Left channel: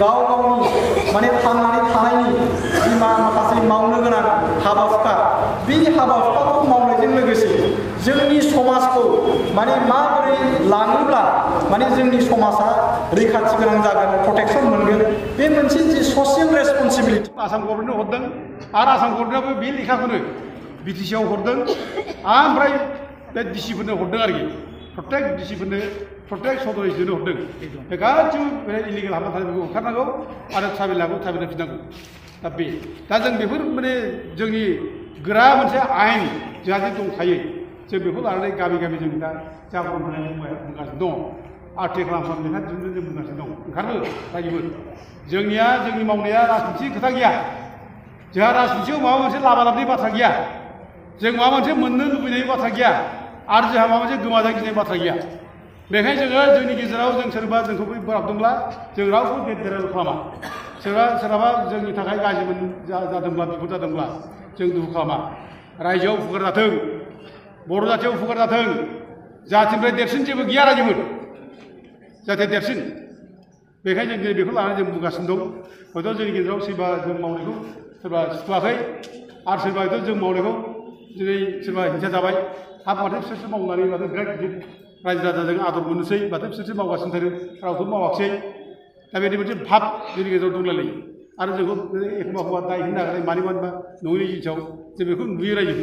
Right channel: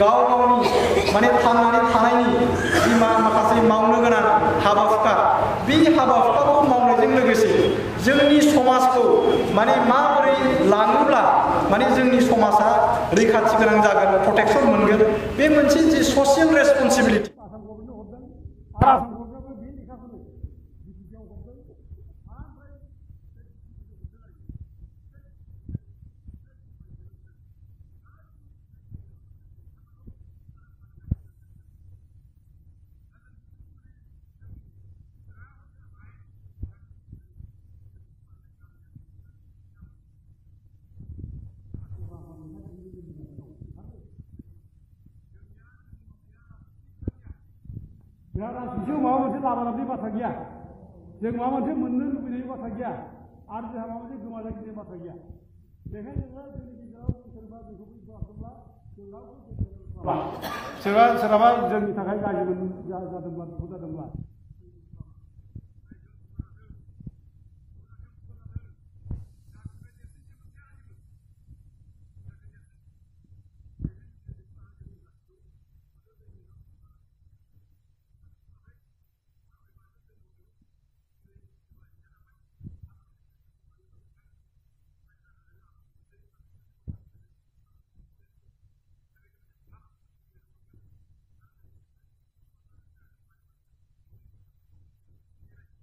गाव गावनि माने थांनानै थानायनि जि माखासे मावनो गोनां हाबा हुखा बे हाबा हुखाखौ मावनायजों लोगोसे जोंनि समाजखौ माने माबोरै लाङोब्ला माने जोंनि समाजा रैखाथि गोनां जागोन प्रटेक्शन मोनगोन बे मोनसे जि ससियेल रेसपन्सिबिलिटि आसाम गभर्नमेन्टनो हरदों आरो आसाम गभर्नमेन्टआबो बे लेखाखौनो बिटिसिआव हरदों ओमफ्राय बे डिसिफोरनो हरदों आरोखि प्रत्येक डिसिफोरनो प्रत्येक सदस्यनो हरदों बे गासिबो बे इलिगेल हाबना थानायफोरखौ होखारनांगौ आरो ट्राइबेल हाबो ट्राइबेल होफिननांगौ दा जों बेफोर माने जोंनि गोरा मोनसे आयेन जोंहा जे दंखायो जों बेखौ लानानै गामि गामि जों दा जागरन बुंगासिनो दङ आर्टिकेल खालामनानै लेखा दिहुननो जों बुंगासिनो दं ओंखारनो रायजोफोर जोंनिया जोंनि मावनाया राजनिथि खोथा गैया जोंहा राजनिथियाव माबा मोनसे लाबा लाबनि बाथ्रा गैया जों माबा मोनसे मोननो लुबैनायनि बाथ्रा गैया आरो जोंहा माबा मोनसे गोमाजानो गिनाय बाथ्रा गैया बेखायनो जोङो जोंनि गेजेराव जों सोरबा जोंखौ बोराबदोंब्ला जों रावबो गेदेर खालामा सोरहाबा जोंनि थाखाय गाज्रि जादोंब्ला बिपद जादोंब्ला जों दुखु खालामा रायजोआव उपकार जाथों बर' जाथियाव उपकार जाथों जाथिनिफ्राय देरसिन जेबो गैया रायजोफोर जाहाथे देरसिन बेखायनो जों बेखौ लानानै जों बुंगासिनो दं हयथ' जोंनि गेजेराव सोरबा जों मावनायखौ सोरबा सुखुवाखै आरो सोरबा हयथ' जों मावनायखौ दिनै सोरबा हिंसा जाबाय हाब माथो बिसोरसो मावनानै माथो बिराद गिदिर रायजो राजाजों आदर मोननोसै माथो बिसोरसो मावगासिनो थायो रावथ' मावाखिसै दा बेनि मोनसे भाब जोंनि गेजेराव दंलायलायो आरो जोंखौ एखमबा दाय होनो नागिरनाय मानिबा नङैनि जिनिसाव जों बेखौ नुयो रायजो